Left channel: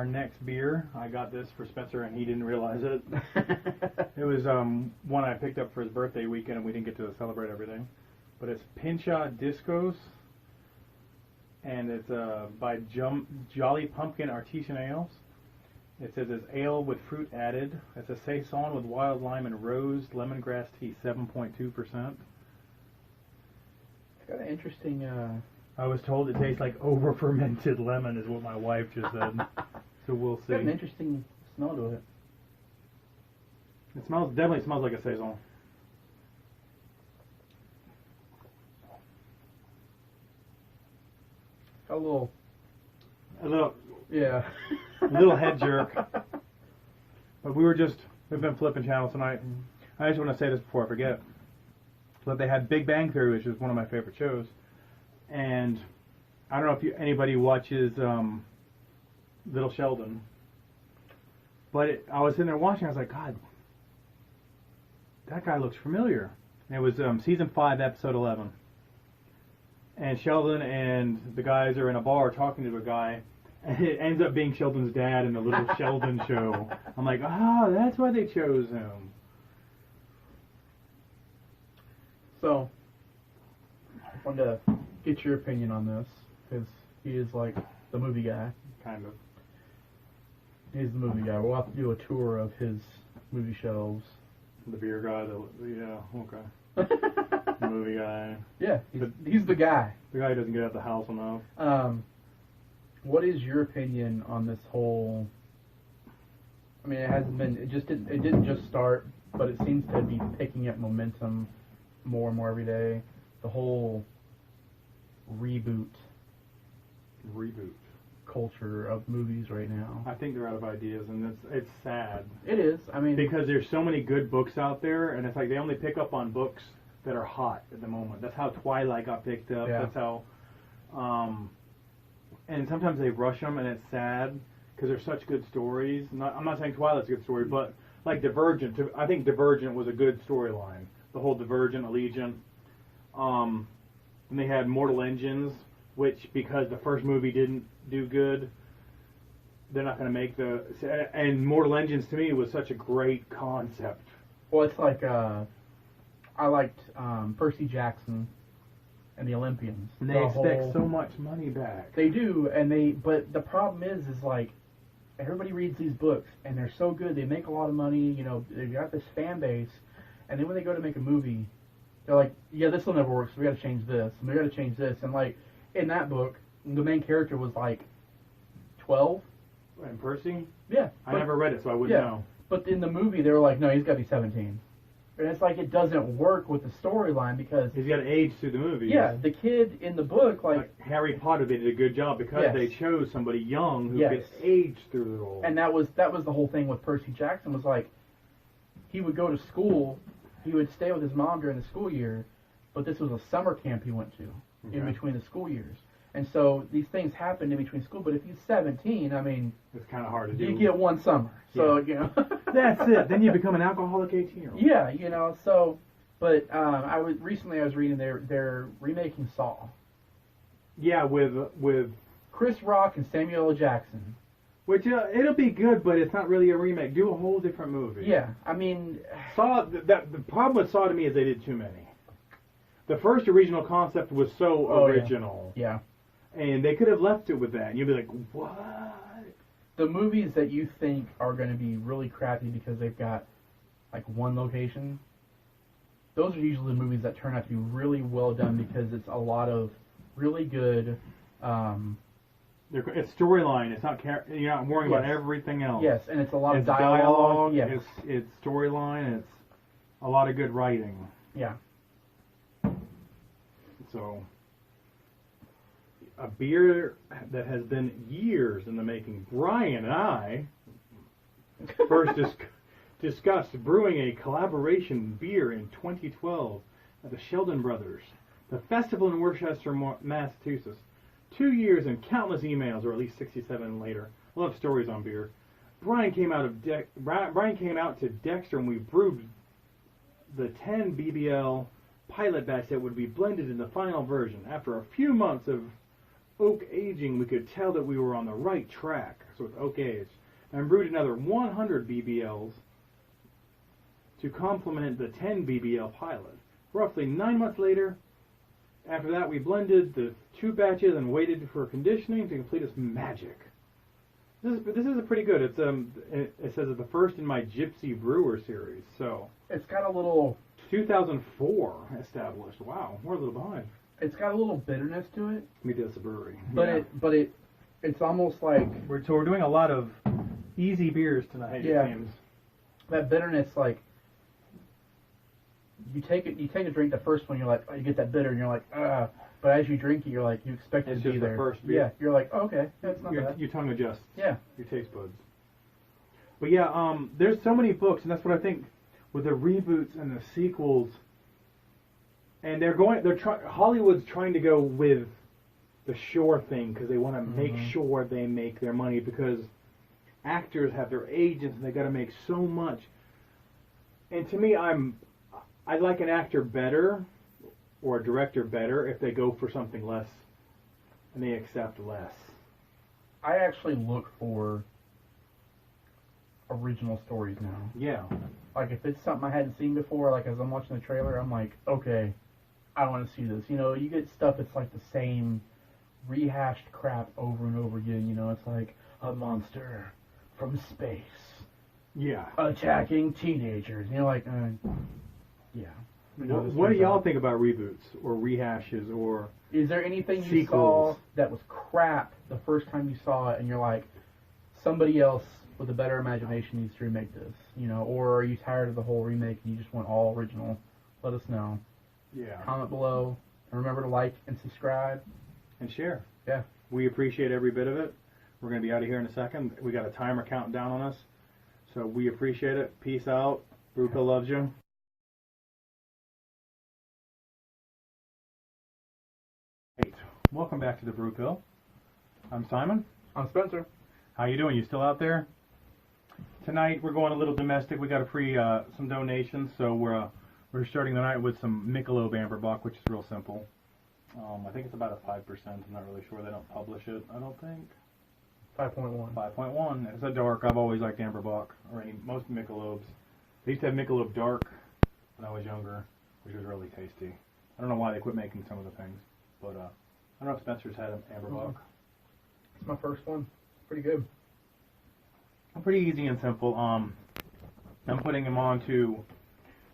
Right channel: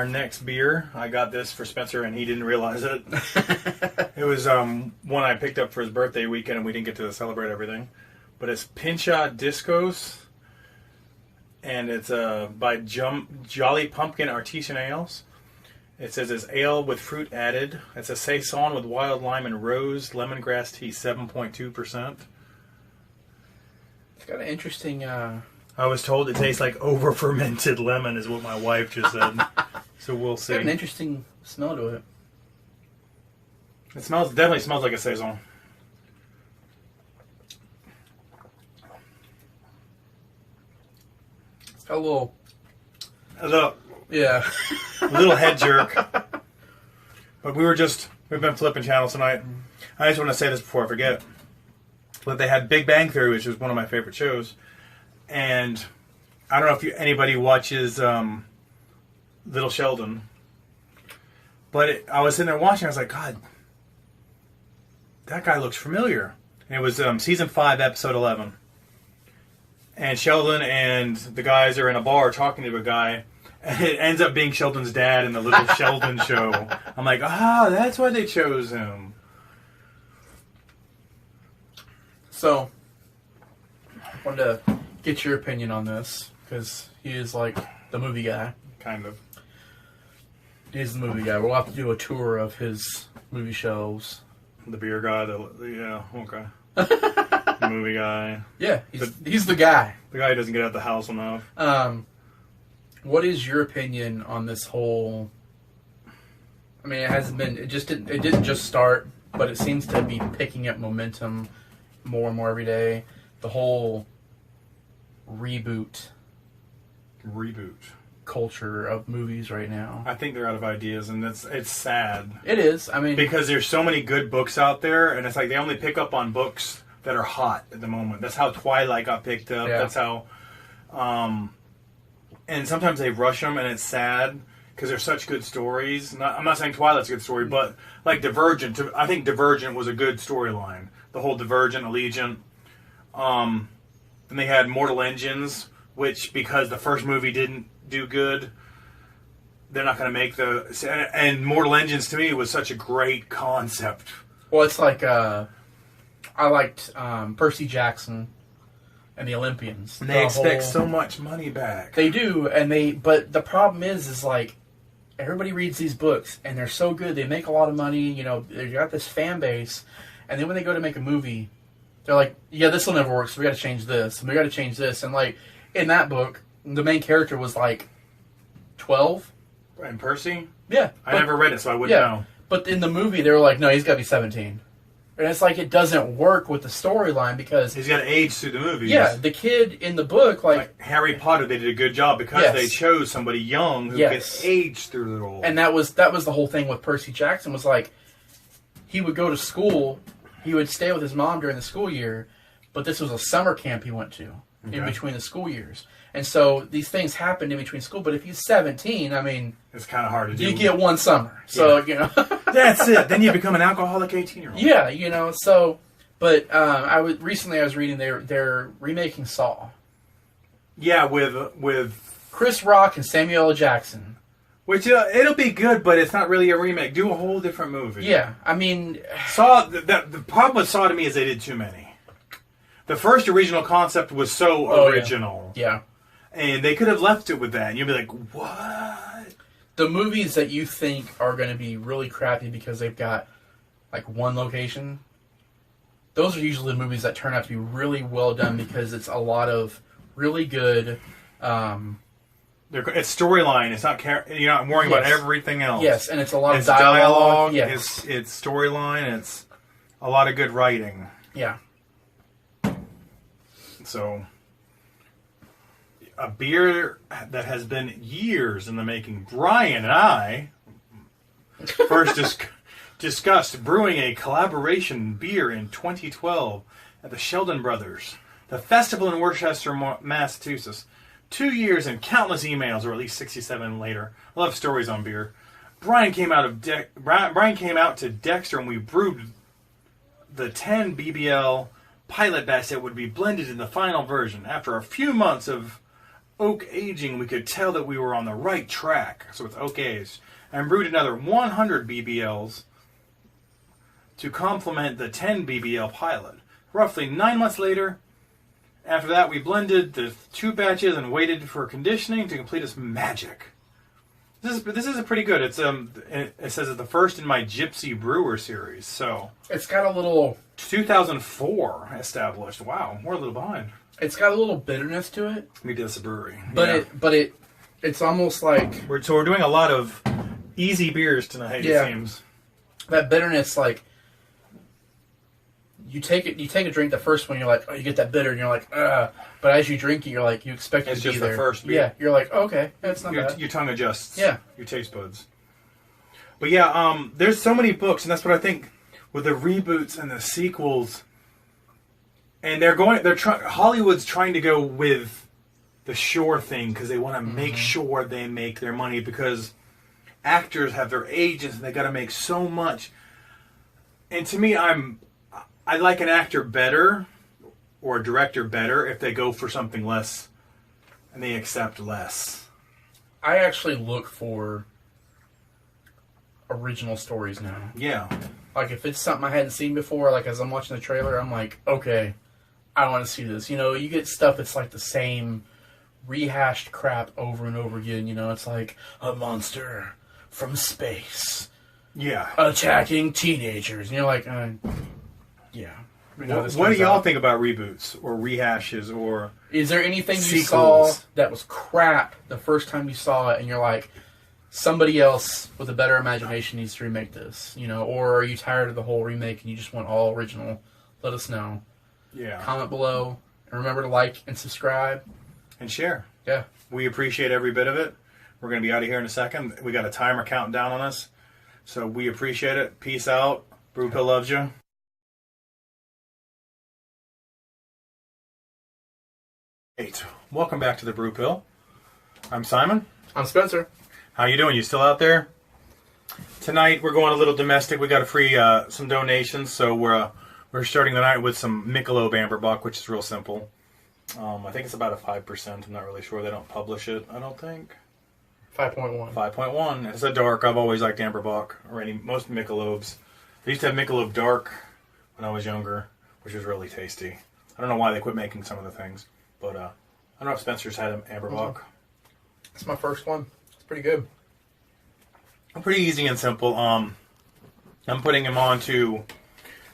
our next beer, I got this for Spencer, and he didn't realize it. It was one I picked up for his birthday weekend, and we didn't get to celebrate everything. But it's Pincha Discos, and it's by Jolly Pumpkin Artisan Ales. It says it's ale with fruit added. It's a saison with wild lime and rose lemongrass tea, 7.2%. It's got an interesting... I was told it tastes like over-fermented lemon, is what my wife just said. So we'll see. It's got an interesting smell to it. It definitely smells like a saison. It's got a little... Yeah. A little head jerk. But we've been flipping channels tonight. I just want to say this before I forget. But they had Big Bang Theory, which is one of my favorite shows. And I don't know if anybody watches Little Sheldon. But I was sitting there watching, I was like, God, that guy looks familiar. And it was season 5, episode 11. And Sheldon and the guys are in a bar talking to a guy. And it ends up being Sheldon's dad in the Little Sheldon show. I'm like, that's why they chose him. So, I wanted to get your opinion on this, because he is like the movie guy. Kind of. He's the movie guy. We'll have to do a tour of his movie shelves. The beer guy, yeah, okay. The movie guy. Yeah, he's the guy. The guy who doesn't get out of the house enough. What is your opinion on this whole... I mean, it didn't just start, but it seems to be picking up momentum more and more every day. The whole reboot culture of movies right now. I think they're out of ideas, and it's sad. It is. I mean, because there's so many good books out there, and it's like they only pick up on books that are hot at the moment. That's how Twilight got picked up. Yeah. That's how... and sometimes they rush them, and it's sad because they're such good stories. I'm not saying Twilight's a good story, but like Divergent. I think Divergent was a good storyline. The whole Divergent, Allegiant. Then they had Mortal Engines, which because the first movie didn't do good, they're not going to make the... And Mortal Engines, to me, was such a great concept. Well, it's like... I liked Percy Jackson and the Olympians. And they expect so much money back. They do, but the problem is like, everybody reads these books, and they're so good, they make a lot of money, you know, they got this fan base, and then when they go to make a movie, they're like, yeah, this will never work, so we got to change this, and we got to change this, and like, in that book, the main character was like 12. And Percy? Yeah. I never read it, so I wouldn't know. But in the movie, they were like, no, he's got to be 17. And it's like it doesn't work with the storyline because... He's got to age through the movies. Yeah, the kid in the book, like Harry Potter, they did a good job because they chose somebody young who could age through the role. And that was the whole thing with Percy Jackson was like, he would go to school, he would stay with his mom during the school year, but this was a summer camp he went to in between the school years. And so these things happened in between school, but if he's 17, I mean... It's kind of hard to do. You get one summer, so, you know... That's it. Then you become an alcoholic 18-year-old. Yeah, you know, so... But recently I was reading they're remaking Saw. Yeah, with Chris Rock and Samuel L. Jackson. Which, it'll be good, but it's not really a remake. Do a whole different movie. Yeah, I mean... Saw... The problem with Saw to me is they did too many. The first original concept was so original. Yeah. And they could have left it with that. And you'd be like, what? The movies that you think are going to be really crappy because they've got, like, one location, those are usually the movies that turn out to be really well done because it's a lot of really good... it's storyline. It's not... You're not worrying about everything else. Yes, and it's a lot of dialogue. Yes. It's storyline. It's a lot of good writing. Yeah. So... A beer that has been years in the making. Brian and I first discussed brewing a collaboration beer in 2012 at the Sheldon Brothers, the festival in Worcester, Massachusetts. 2 years and countless emails, or at least 67 later. I love stories on beer. Brian came out to Dexter, and we brewed the 10 BBL pilot batch that would be blended in the final version. After a few months of oak aging, we could tell that we were on the right track. So it's oak aged. And brewed another 100 BBLs to complement the 10 BBL pilot. Roughly 9 months later, after that, we blended the 2 batches and waited for conditioning to complete its magic. This is a pretty good. It says it's the first in my Gypsy Brewer series. So it's got a little 2004 established. Wow, we're a little behind. It's got a little bitterness to it. We did this at brewery, but yeah. It's almost like we're doing a lot of easy beers tonight. Yeah. It seems that bitterness, like you take a drink, the first one, you're like, oh, you get that bitter, and you're like, but as you drink it, you're like, you expect it to be there. It's just the first beer. Yeah, you're like, oh, okay, that's not bad. Your tongue adjusts. Yeah, your taste buds. But yeah, there's so many books, and that's what I think with the reboots and the sequels. And Hollywood's trying to go with the sure thing because they want to make sure they make their money because actors have their agents and they got to make so much. And to me, I like an actor better or a director better if they go for something less and they accept less. I actually look for original stories now. Yeah. Like if it's something I hadn't seen before, like as I'm watching the trailer, I'm like, okay, I want to see this. You know, you get stuff that's like the same rehashed crap over and over again. You know, it's like a monster from space. Yeah. Attacking teenagers. And you're like, yeah. What do y'all think about reboots or rehashes or is there anything sequels? You saw that was crap the first time you saw it and you're like, somebody else with a better imagination needs to remake this, you know? Or are you tired of the whole remake and you just want all original? Let us know. Yeah. Comment below. And remember to like and subscribe. And share. Yeah. We appreciate every bit of it. We're going to be out of here in a second. We got a timer counting down on us. So we appreciate it. Peace out. Brewpill loves you. Welcome back to the Brewpill. I'm Simon. I'm Spencer. How you doing? You still out there? Tonight we're going a little domestic. We got a free some donations, so we're starting the night with some Michelob Amberbock, which is real simple. I think it's about a 5%. I'm not really sure. They don't publish it. I don't think. 5.1. 5.1. It's a dark. I've always liked Amberbock or most Michelobs. I used to have Michelob Dark when I was younger, which was really tasty. I don't know why they quit making some of the things, but I don't know if Spencer's had an Amberbock. It's my first one. It's pretty good. Pretty easy and simple. I'm putting him on to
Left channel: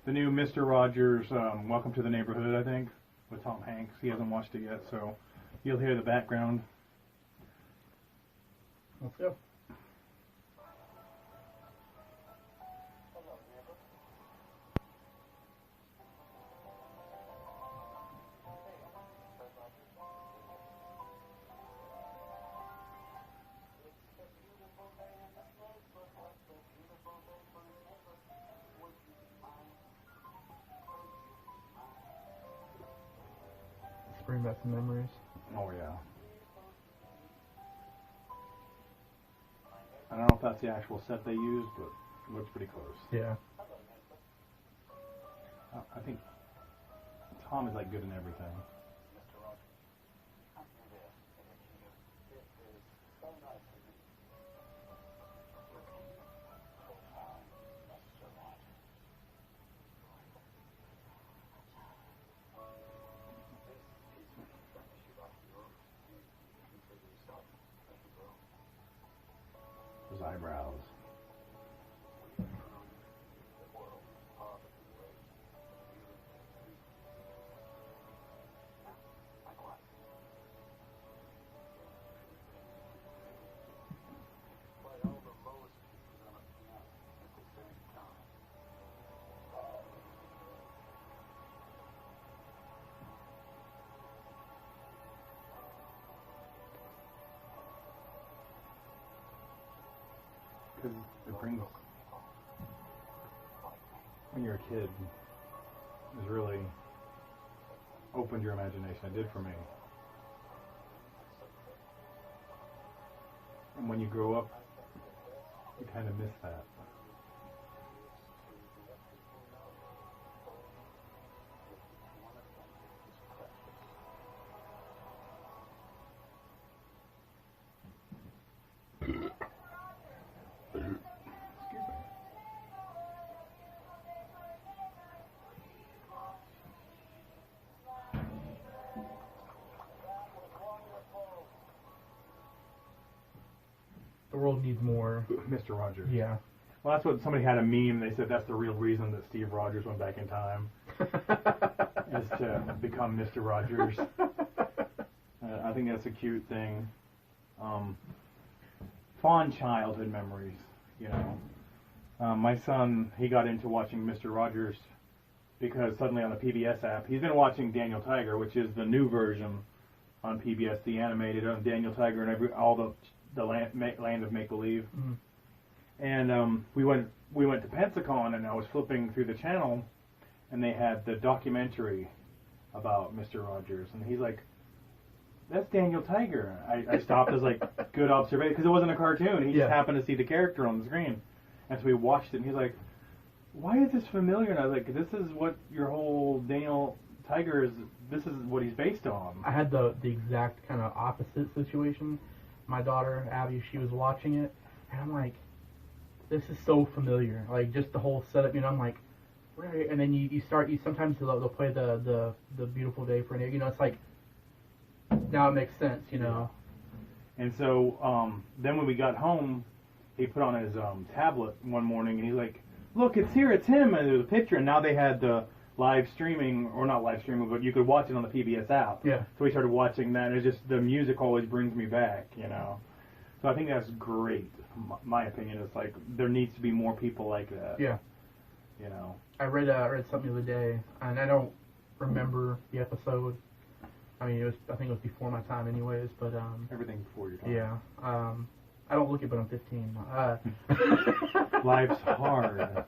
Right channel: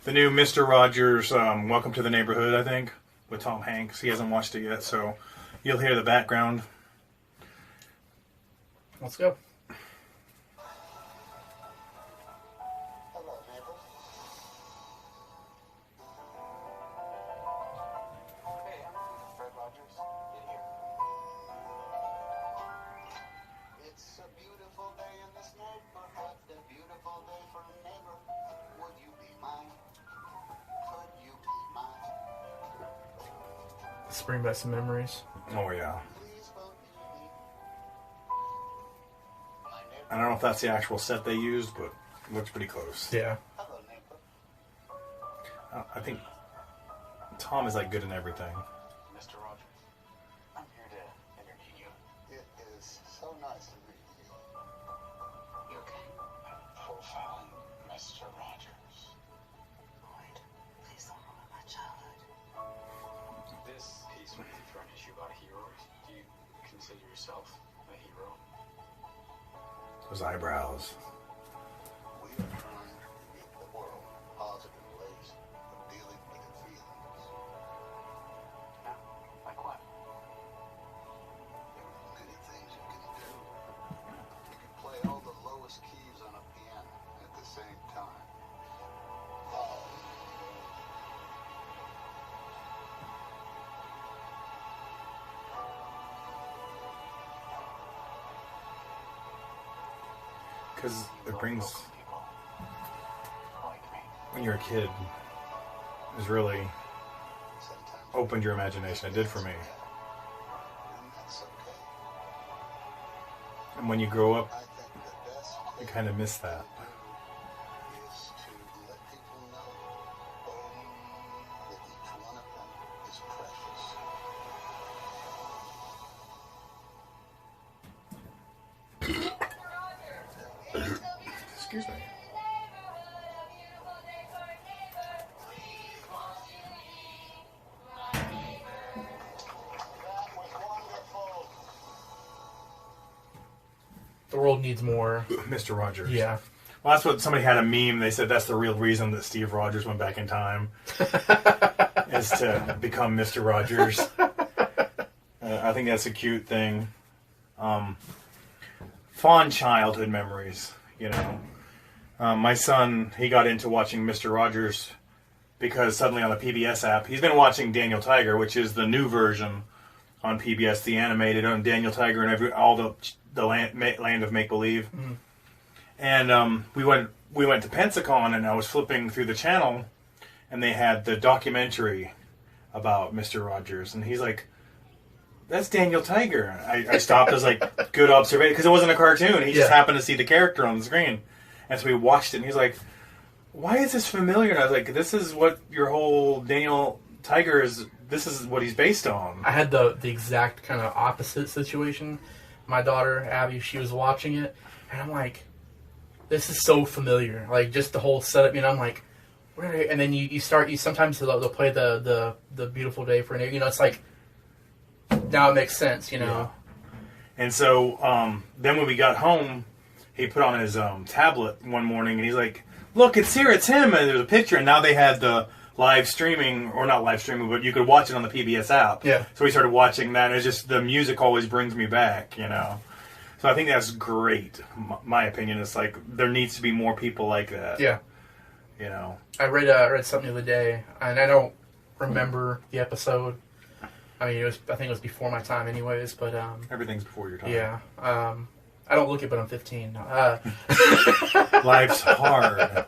the new Mr. Rogers' Welcome to the Neighborhood, I think, with Tom Hanks. He hasn't watched it yet, so you'll hear the background. Let's go. Bring back some memories. Oh, yeah. I don't know if that's the actual set they used, but it looks pretty close. Yeah. I think Tom is like good in everything. Mr. Rogers, I'm here to entertain you. It is so nice to meet you. You okay? Profiling Mr. Rogers. Lloyd, please don't ruin my childhood. This piece would be for an issue about heroes. Do you consider yourself a hero? Those eyebrows. We are trying to meet the world in positive ways of dealing with your feelings. Now, like what? There are many things you can do. You can play all the lowest keys on a piano at the same time. Because it brings, when you're a kid, it's really opened your imagination. It did for me. And when you grow up, you kind of miss that. Excuse me. The world needs more. Mr. Rogers. Yeah. Well, that's what somebody had a meme. They said that's the real reason that Steve Rogers went back in time is to become Mr. Rogers. I think that's a cute thing. Fond childhood memories, you know. My son, he got into watching Mr. Rogers because suddenly on the PBS app, he's been watching Daniel Tiger, which is the new version on PBS, the animated on Daniel Tiger and all the land of make believe. Mm-hmm. And we went to Pensacon, and I was flipping through the channel, and they had the documentary about Mr. Rogers, and he's like, "That's Daniel Tiger." I stopped. I was like, "Good observation," because it wasn't a cartoon. He just happened to see the character on the screen, and so we watched it. And he's like, "Why is this familiar?" And I was like, "This is what your whole Daniel Tiger is. This is what he's based on." I had the exact kind of opposite situation. My daughter Abby, she was watching it, and I'm like, "This is so familiar." Like just the whole setup. You know, I'm like, "Where?" And then you sometimes they'll play the Beautiful Day for an. You know, it's like. Now it makes sense, you know. Yeah. And so then when we got home, he put on his tablet one morning, and he's like, "Look, it's here, it's him." And there's a picture, and now they had the live streaming, or not live streaming, but you could watch it on the PBS app. Yeah. So we started watching that, and it's just the music always brings me back, you know. So I think that's great. My opinion is like there needs to be more people like that. Yeah. You know. I read something the other day, and I don't remember the episode. I mean, I think it was before my time, anyways. But everything's before your time. Yeah. I don't look it, but I'm 15. Life's hard.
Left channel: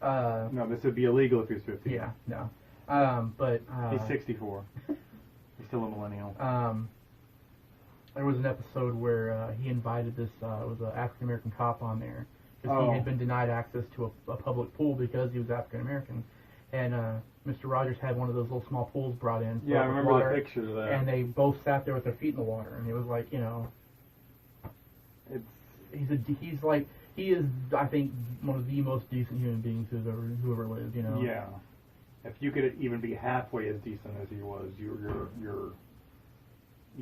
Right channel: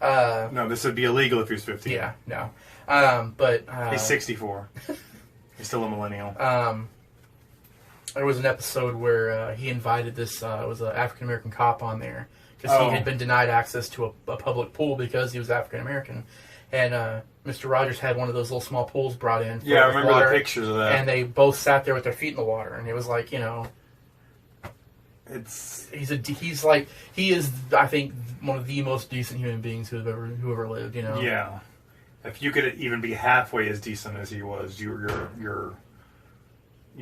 No, this would be illegal if he was 15. Yeah. No. But he's 64. He's still a millennial. There was an episode where he invited this was an African American cop on there because he had been denied access to a public pool because he was African American, and Mr. Rogers had one of those little small pools brought in. Yeah, I remember the pictures of that. And they both sat there with their feet in the water, and it was like, you know, he is I think one of the most decent human beings who ever lived. You know. Yeah. If you could even be halfway as decent as he was, you're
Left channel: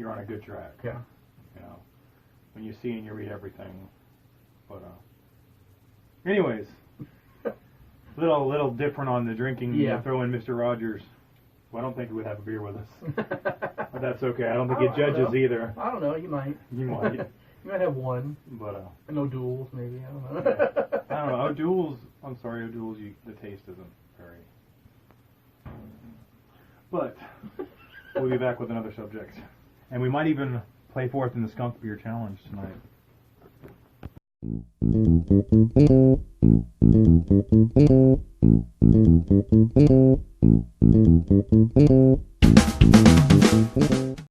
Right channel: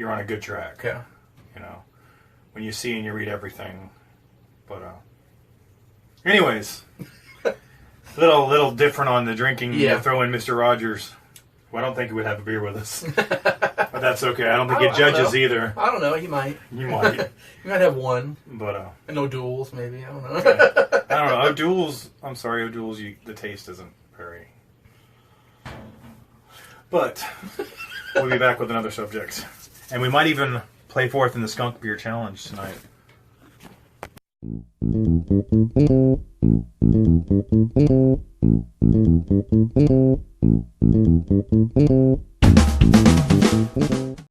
on a good track. Yeah. You know, when you see and you read everything, but anyways. Little different on the drinking. Yeah. Throw in Mr. Rogers. Well, I don't think he would have a beer with us. But that's okay. I don't think he judges either. I don't know. He might. You might. You might have one. But and no duels, maybe. I don't know. Okay. I don't know. O'Doul's. I'm sorry, O'Doul's. The taste isn't very. But we'll be back with another subject, and we might even play forth in the skunk beer challenge tonight.